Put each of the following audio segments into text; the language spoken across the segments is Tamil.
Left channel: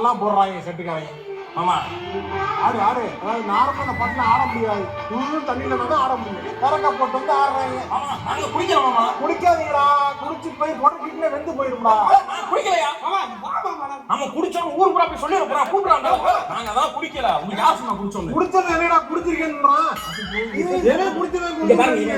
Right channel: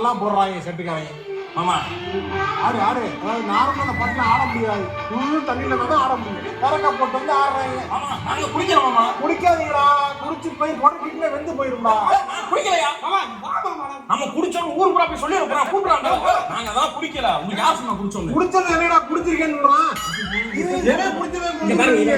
நல்லா போடுறாங்க செட்டுக்காரங்க. ஆமா ஆடு ஆடு நார்மலா பண்ண ஆட முடியாது. முழு தண்ணியில வந்து ஆட முடியும். கரக்கா போட்டு வந்து ஆடுறாங்க. ஆமா நாங்க குடிக்கிறோம் மாமா. குடிக்காதீங்களா? குடிச்சு போய் பொடக்கிட்டே வெந்து போயிருந்தா. குடிக்கலையா மாமா? நம்ம குடிச்சோம் ஊர் போய் சொல்லி வைக்கிறோம். கூப்பிடுறாங்க. நாங்க அதான் குடிக்கல. உங்களுக்கு யார் சொன்னா குடிச்சோம்? குடிச்சது என்னடா குடிச்சிருக்கேன்றான். ஏனே குடிச்சவே இங்க பாருங்க.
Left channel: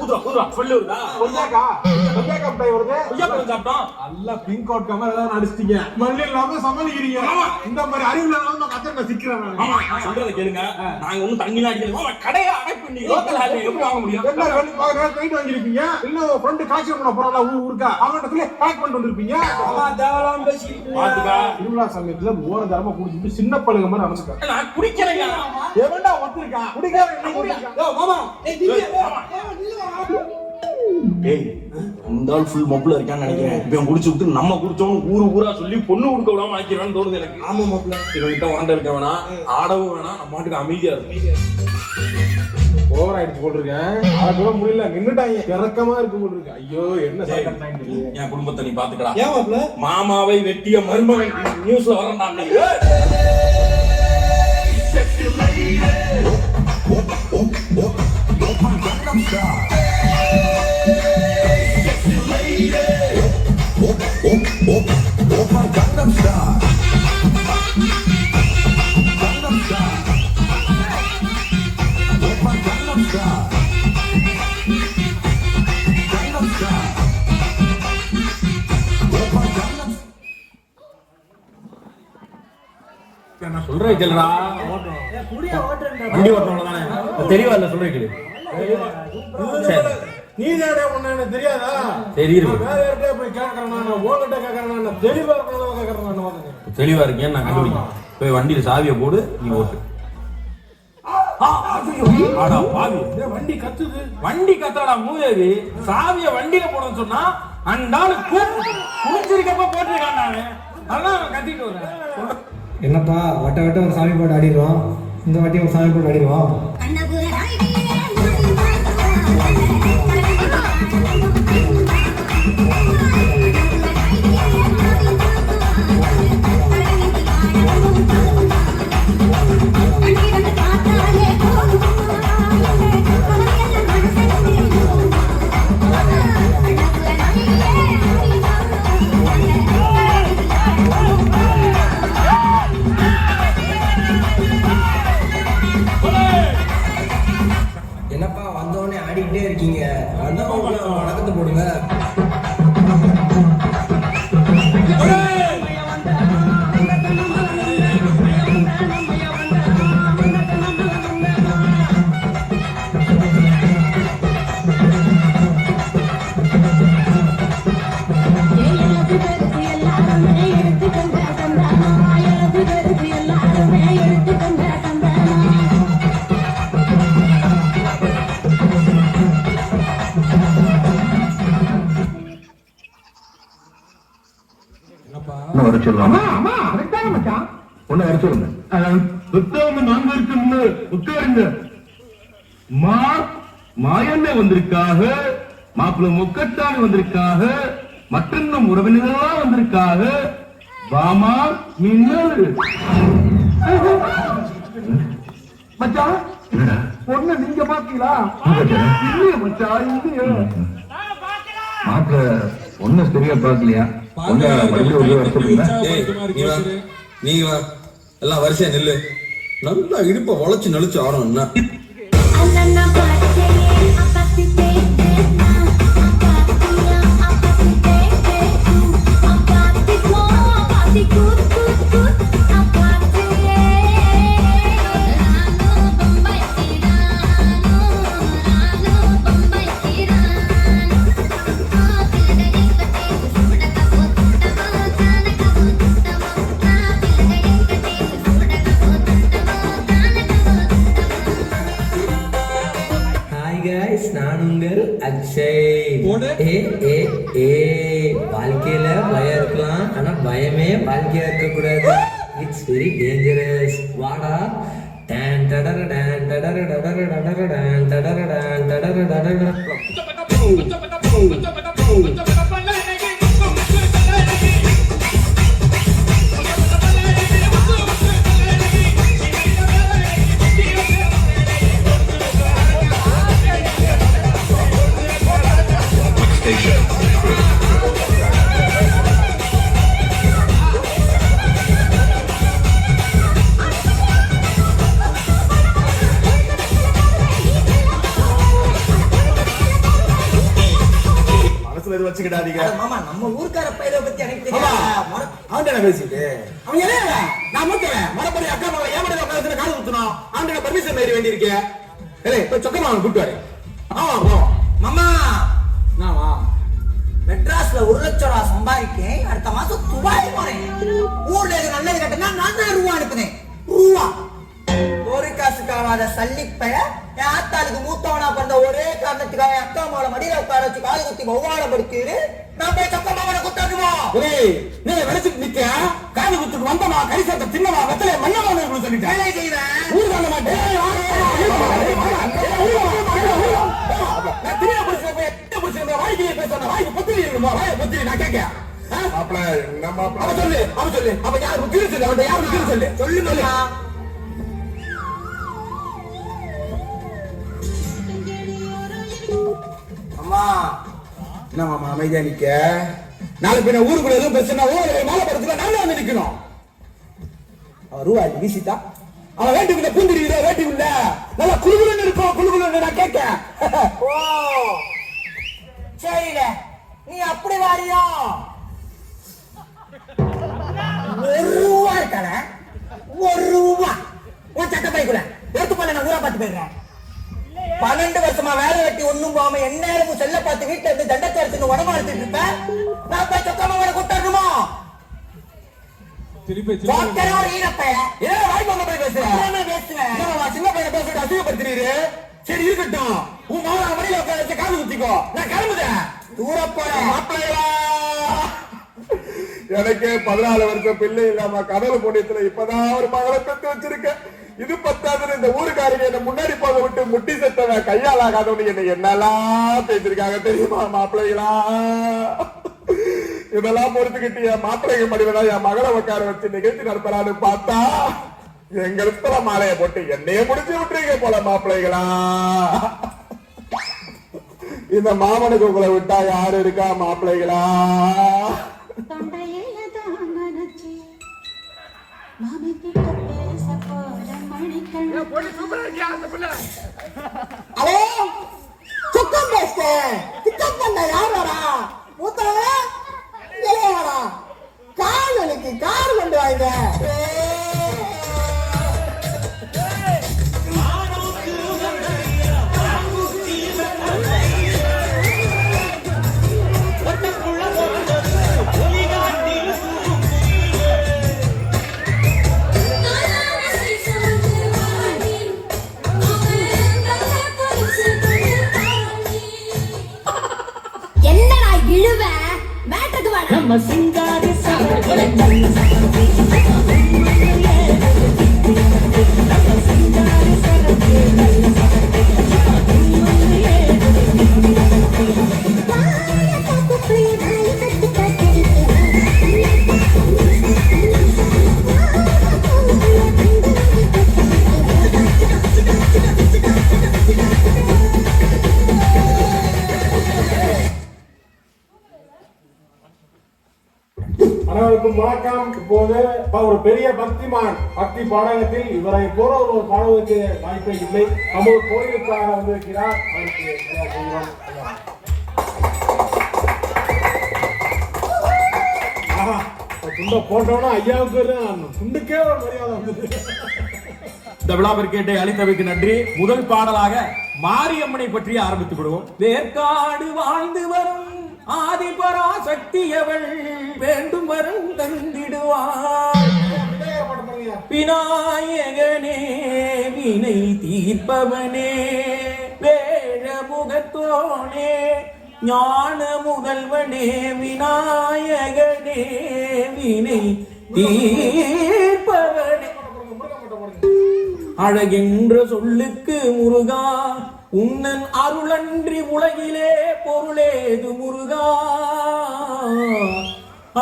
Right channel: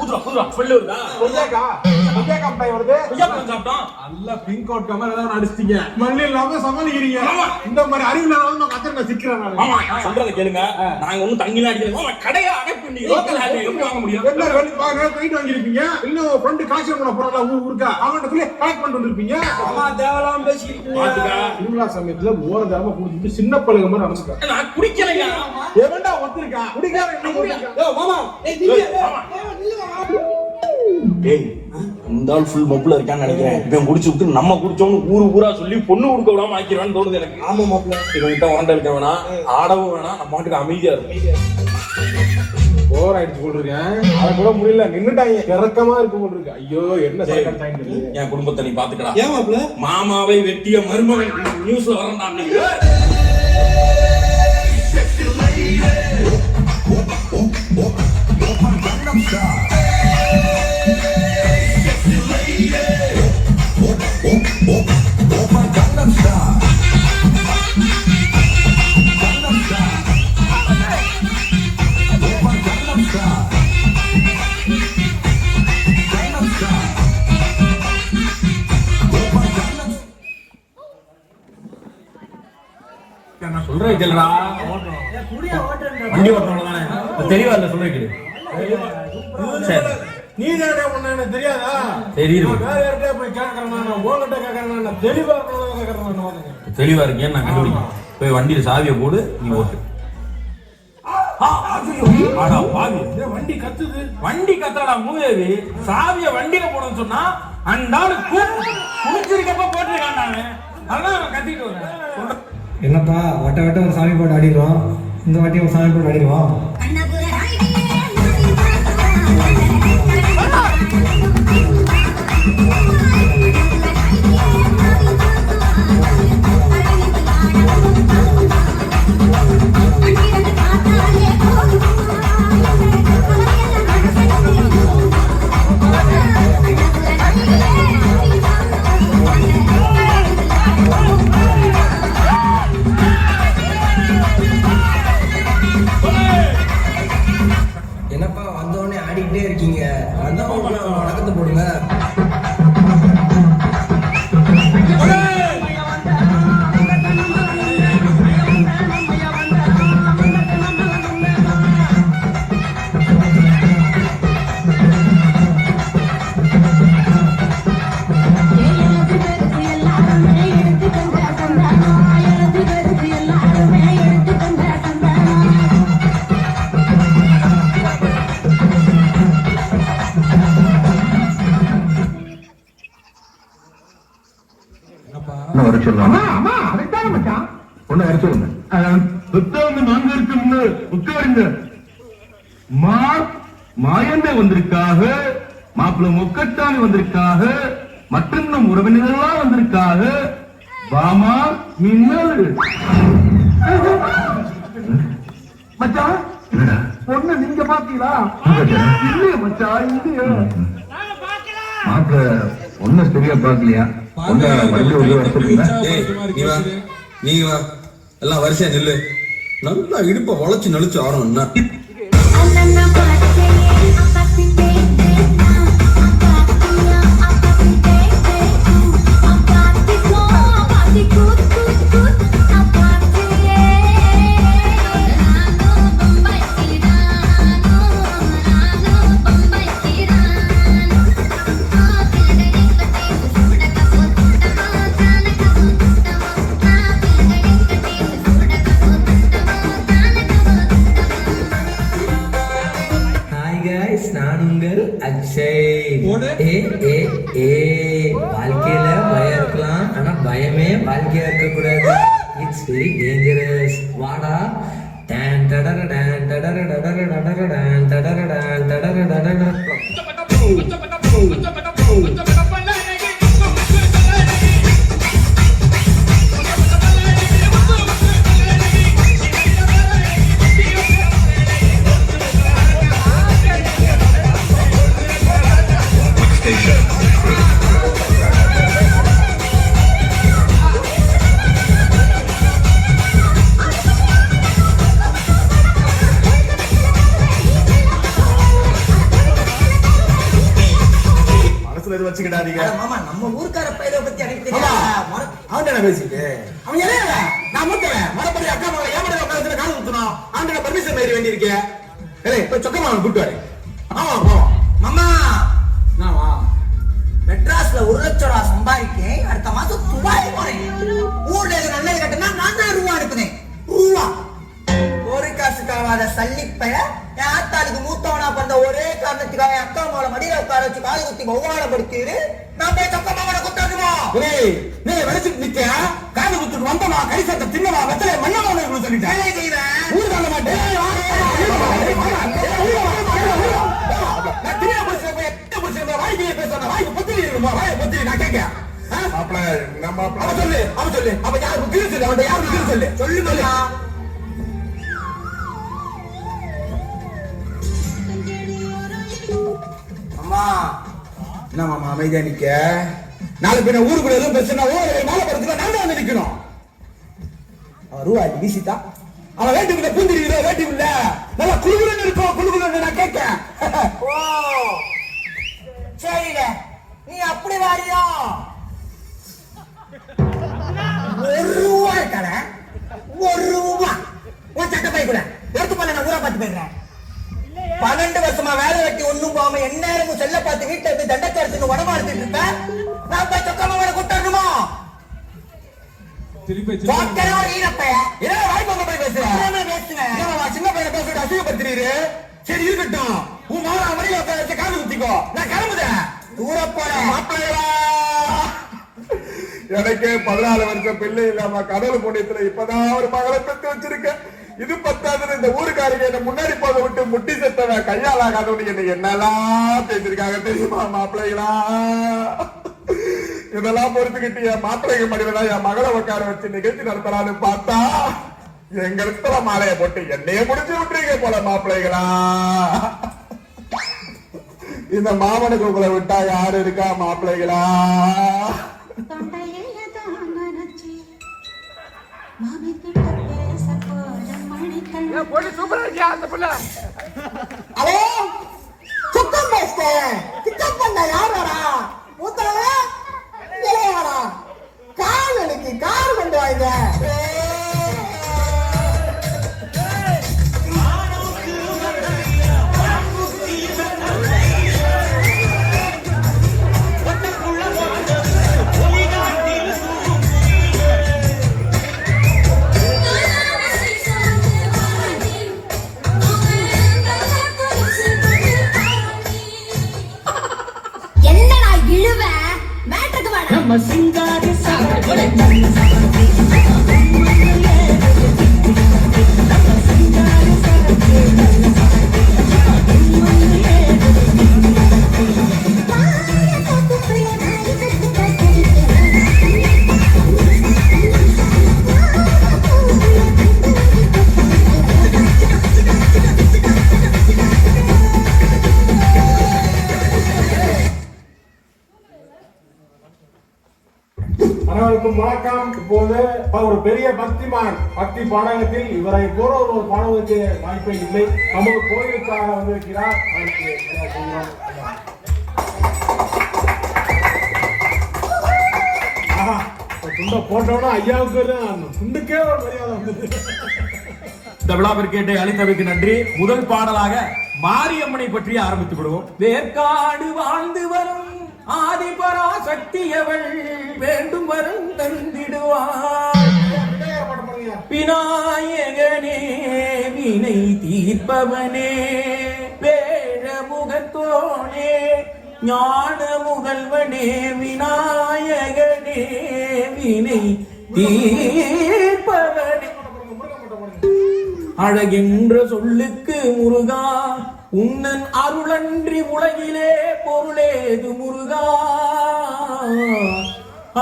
ஊதுறா சொல்லுடா. கொஞ்சாக்கா பை வருது. கொஞ்சம் சாப்பிட்டோம். நல்லா பிங்க் அவுட் கமர் எல்லாம் அடிச்சிட்டீங்க. மல்லி இல்லாம சமாளிக்கிறீங்க. இந்த மாதிரி அறிவுல வந்து கத்திர சிக்கிறேன் நான். ஆமா சொல்றத கேளுங்க. நாங்க ஒண்ணும் தண்ணில அடிக்கல. மாமா கடையை அடைப்பு நீங்க ரோட்ல எப்படி வாங்க முடியும்? என்ன வேலை பாக்க கைட் வாங்கிருப்பீங்க. இன்னும் ஃப்ரெண்ட் காசு கூட போறல ஊருக்கா. அவன்கிட்ட சொல்லி கலெக்ட் பண்ணிட்டு வந்திருப்பீங்க. அம்மா தேவலாம் பேசிட்டு பாத்துடா. திருவிழா சமயத்துல மோர தரமா குடிச்சிட்டு சின்ன பழுக மாதிரி நடந்துட்டா. நான் குடிக்கலையா? எவன்டா ஒத்துருக்கா? குடிக்காத நீ குடிக்கா. ஏய் மாமா ஏய் இந்த ஆள் ஃபுல் மப்புல இருக்கான்னு நினைக்கிறேன். இவன் குடிச்சு விட்டு நம்ம குடிச்சோம்னு ஊரா சொல்லி பொண்ணு கொடுக்க விடாம ஆக்கிடுவான்னு தோணுது எனக்கு. ஆமா மாப்பிள்ள இவன்கிட்ட உரண்ட இருக்க வேணாம், ஆடவும் வேணாம், நம்ம மாட்டுக்கு அமைதியா இருக்கும். ஓவர் ஆயிடுச்சு போட்டிருக்கேன். அத கூட முடியல, நின்னுட்டாங்க. இறக்கமா இருக்கு போட்டிருக்கு. ஐயோ என்ன சைக்கிள் என் குடும்பத்தை நீ பாத்துக்கடா. ஏன் மாப்பிள்ள? மாமாவை வெட்டிய மருமகன் நியூஸ்ல வரண்டா. நான் சொல்றேன் கேளுடா. வண்டி ஓட்டணும் தானே தெரியவா இல்ல சொல்றேன் கேளு. சரி நீ தானே உன்ன எனக்கு தெரியாதா? தெரியுது. தெளிவா இருக்கேன் நான் கண்டுபிடிக்கிறேன். போய் வண்டியில சாவியை போடு, நீ ஓட்டு. வண்டி கத்துது. வண்டி கத்தாடா மூதேவி. சாவிய வண்டியில போடுன்னு சொன்னா அண்டாளு குளிச்சிருக்கப்ப போட்டிருக்கான். நானு அதான் அவன் கத்திட்டு வரேன். என்னப்பா வட்ட வட்ட ஒரு சாமி போட்டு ஆடிடுவோம். இந்த வாட்டி ஒரு சாமி போட்டு ஆடிடுவோம். என்னப்பா வந்தோடனே ஆடிக்கிட்டே இருக்கீங்க. வடக்கத்து போடுங்க. மாயந்த வந்திருக்காக, மாப்பிள்ள முக்கட்டான வந்திருக்காக, மற்ற உறவினர்கள்லாம் வந்திருக்காக. வாமா மின்னல் மச்சான், பொண்ணு நீங்க பாத்தீங்களா? இல்லையா மச்சான்? ஒண்ணு சரியா பாக்கலையா? நீங்க வா, எல்லாம் வரிசையா நெல்லு. நல்லா இடுப்ப வளைச்சு நெளிச்சு ஆடணும்னா வாழ்க்கையில பயம் இருக்கலாம், ஆனா பயமே வாழ்க்கையா இருக்க கூடாது. It's very dangerous. வாடா டான் டடர டான் டடர டடர டடர டான் டடர டான் டடர டடர. சொக்கமா ஏன் உட்கார்ந்து காது குத்துறோம் அவங்களோட பர்மிஷன் வேற வேண்டி இருக்கு ஏய் இப்ப சொக்கமா கூட்டு வர ஆமா மாமா என்னவா மெட்ராஸ்ல 1 லட்சம் ரூபாய் சம்பாதிக்க அடுத்த மாசம் துபாய் போறேன் ஊர்ல அண்ணன் கிட்டனா நான் தான் ரூபா அனுப்புனேன் ரூபா ஒரு காசுக்காக சல்லிப்பைய என் ஆத்தாளுக்கு மூத்தவனா பண்ண ஒரே காரணத்துக்காக அக்கா மாட மடியில உட்கார வச்சு காது குத்தி அவமானப்படுத்திடு நான் போய் சொக்கமாவனை குத்தாடுமா ஏய் நீ வளைச்சிட்டு நிக்க காது குத்துட்டு வந்தமா கை சட்ட தின்னமா மத்தல மண்ணமா சொல்லிட்டேன் ஊர் சொல்ல மாட்டேன் அமைதியா நிக்க நாளைக்கு பின்ன ஊருக்குள்ள எதுவும் பிரச்சனை நாங்க வந்து நிக்கணும் ரூபா வீசிட்டா அவன் வேட்டுக்குள்ள பூந்திரியில வேட்டுக்குள்ள நல்லா குழுகுலன்னு இருப்போம் குழுகுலன்னு நான் கேட்கேன் சரிங்க நீ அப்படி வாரியா 1 ரூபா இருக்கானே 1 ரூபா உன் சட்டை போய்க்கிறேன் எடுத்து பண்ண நான் ஊரா பார்த்து போயிடுறேன் 12 வருஷமா வேலை வெட்டி ஒண்ணும் போகாம என்ன செல்ல பார்த்து வீட்டை எடுத்து தண்டத்தை எடுத்து உடம்பு எடுத்துட்டு இருப்பேன் நான் போய் சொக்கமாவனை கூட்டணுமா திருப்பி சின்ன பையன் பேசிட்டு அசிங்கப்படுத்துறீரு சரி இருக்கட்டும் உன் மாமா மடியில உட்கார வச்சு காது குத்திக்கோ நான் கிளம்புதேன் ஊரப்பா எனக்கு 14 வருஷம் பிள்ளை இல்லாம கடல் போட்டியத்துல இப்பதான் ஒரு மகளை பெற்று வச்சிருக்கேன் இது 10வது இந்த ஊருக்காரங்க என்ன முன்னாடி போத விட்டு முட்டி செத்தவன் கையால் ஆகாதவனு என்ன என்னெல்லாம் செய்திருக்காங்க தெரியுமா மாப்பிள்ளைகளா இதெல்லாம் பொறுத்துக்கிட்டு என் மாப்பிள்ளைங்க மடிவதா என் மகளை உட்கார வச்சு நிகழ்ச்சி நடத்தலான்னு பார்த்தா எங்க இருக்கிற மாலையை போட்டு என்னைய முடிச்சு விட்டுறீங்க போல மாப்பிள்ளைகளா இந்த மாமனுக்கு உங்களை விட்டா யாரு இருக்கா மாப்பிள்ளைகளா வணக்கம். இப்போது ஒரு பெரிய பக்திமான் பக்தி பாடகத்தில் இவரை போல ஒரு பாடகருக்கு வாய்ப்பே இல்லை. நமது கோயிலுக்காக வந்திருக்கிறார். துண்ட போட்டோன்னா ஐயாவுக்கு துண்டுக்கே ஒரு மரியாதை வந்தது. இந்த விழாவிற்கேட்டை அளித்தவைக்கு நன்றி. முதல் பாடலாக மாரியம்மனை பற்றி ஆரம்பித்து விடுவோம். வேற்காடு வாழ்ந்து வரும் ஆதிபராசக்தியவள் வேண்டும் வரம் தந்திடுவார். விநாயகனே வினை தீர்ப்பவனே வேழ முகத்தோனே ஞான முதல்வனே விநாயகனே வினை தீர்ப்பவனே. அழகின்ற சொல்லுக்கு முருகா உன்னன் அருளன்றி உலகிலே பொருளேது முருகா.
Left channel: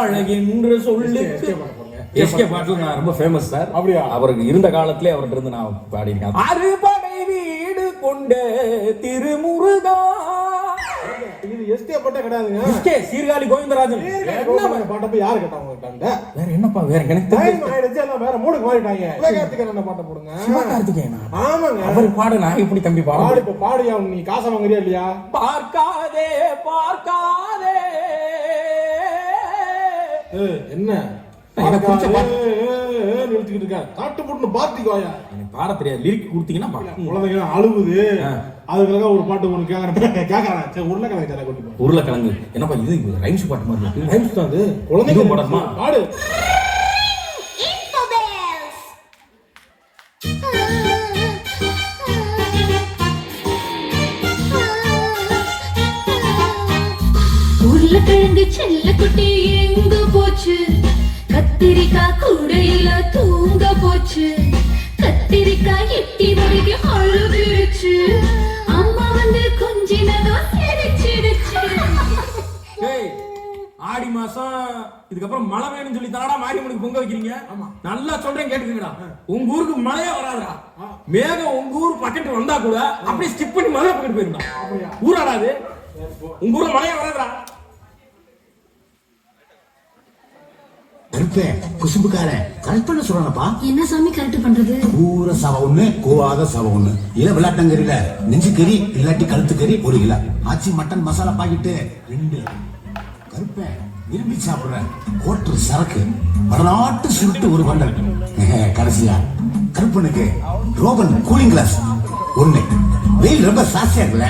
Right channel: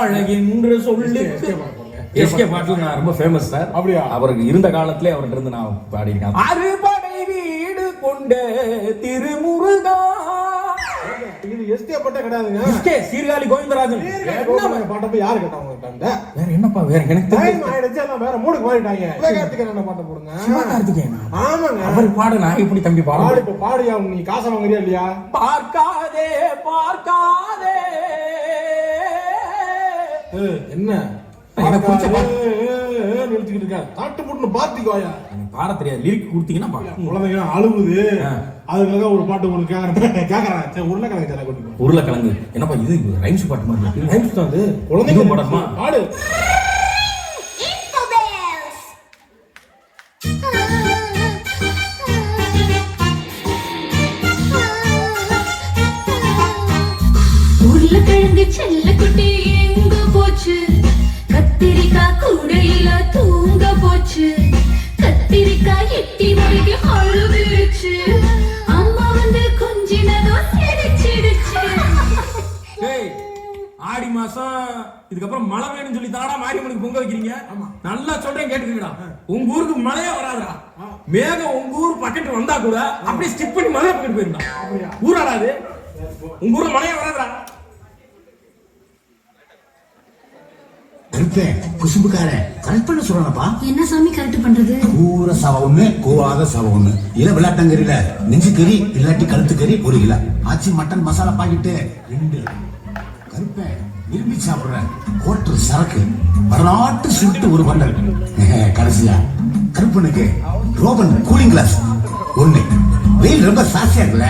அழகின்ற சொல்லுக்கு எஸ்கே பாட்டு ரொம்ப ஃபேமஸ் சார். அப்படியா? அவருக்கு இருந்த காலத்திலே அவர்கிட்ட இருந்து நான் பாடியிருக்கேன். அறுபடை வீடு கொண்ட திருமுருகா. இது எஸ்கே பாட்டே கிடையாதுங்க. எஸ்கே சீர்காழி கோவிந்தராஜன் பாட்டை யாரு கேட்டாங்க? வேற என்னப்பா வேற எனக்கு வேற மூணுக்கு மாறிட்டாங்க. என்ன பாட்டை போடுங்க. ஆமாங்க அவர் பாடு நான் எப்படி தம்பி பாடு? இப்ப பாடியா நீ காசை வாங்குறியா இல்லையா? பார்க்காதே பார்க்காதே என்ன எனக்கு நிறுத்திக்கிட்டு இருக்கேன் தாட்டு போட்டு பாத்திக்கோயா பாட தெரியாது லிரிக் கொடுத்தீங்கன்னா பாடம். குழந்தைங்க அழுகுது அதுக்காக ஒரு பாட்டு உங்களுக்கு கேட்கறேன் சரி உருளைக்கிழங்கு சிலை கொண்டு உருளைக்கிழங்கு என்னப்பா இது ரைம்ஸ் பாட்டு மாதிரி இருக்கு. ரைம்ஸ் தான் அது குழந்தைங்க குழந்தைங்க பாடமா பாடு உருளைக்கிழங்கு செல்ல குட்டி எங்க போச்சு கத்திரிக்காய் கூடையில தூங்க போச்சு கத்திரிக்காய் எட்டி வரைக்கும் அழுதுருச்சு அம்மா வந்து கொஞ்சினதா சிரிச்சிடுச்சு ஏய் ஆடி மாசம் இதுக்கப்புறம் மழை வேணும்னு சொல்லி தானடா மாரியம்மனுக்கு பொங்க வைக்கிறீங்க. நல்லா சொல்றேன் கேட்டுக்கடா. உங்க ஊருக்கு மழையே வராதுடா. மேகம் உங்க ஊர் பக்கத்து வந்தா கூட அப்படியே ஸ்டிக் பண்ணி மழை பக்கத்து போயிருந்தா ஊராடாது. உங்க ஊர்ல மழையே வராதுடா. கருப்பே குசும்புக்காரன் கரெக்ட் பண்ண சொல்லணும்ப்பா. என்ன சாமி கரெக்ட் பண்றது? கூற சவ ஒண்ணு கோவாத சவ ஒண்ணு இல்ல விளையாட்டங்கறியில நெஞ்சு கறி இல்லாட்டி கழுத்து கறி 1 கிலோ ஆச்சி மட்டன் மசாலா பாக்கெட்டு 2. கருப்பே விரும்பி சாப்பிடுற ஹோட்டல் சரக்கு வரலாற்று சுட்டு ஒரு பண்ணல் கடைசியா கருப்பனுக்கு ரோபன் கூலிங் கிளாஸ் 1. வெயில் ரொம்ப சாஸ்தியா இருக்குல்ல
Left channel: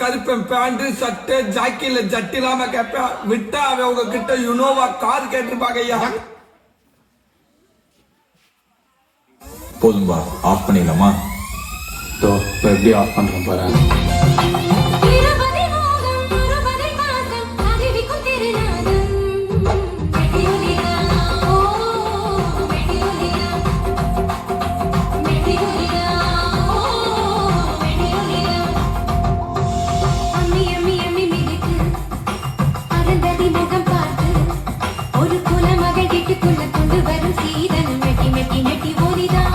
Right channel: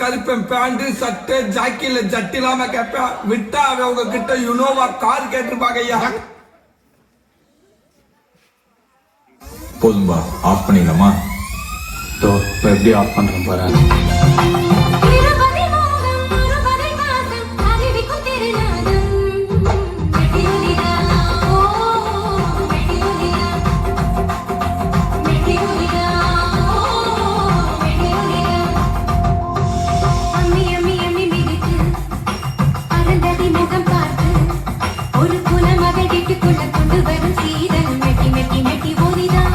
கருப்பேன் பேண்ட் சட்டை ஜாக்கில ஜட்டி இல்லாம கேட்பேன் விட்டா அவங்க கிட்ட யுனோவா கார் கேட்டிருப்பாங்க ஐயா. போதும்பா ஆஃப் பண்ணிடலாமா? எப்படி ஆஃப் பண்றேன் பாரு. ஒரு குல மகள் வீட்டுக்குள்ள கொண்டு வரும் சீதன் மெட்டி மெட்டி மெட்டி ஓடிதான்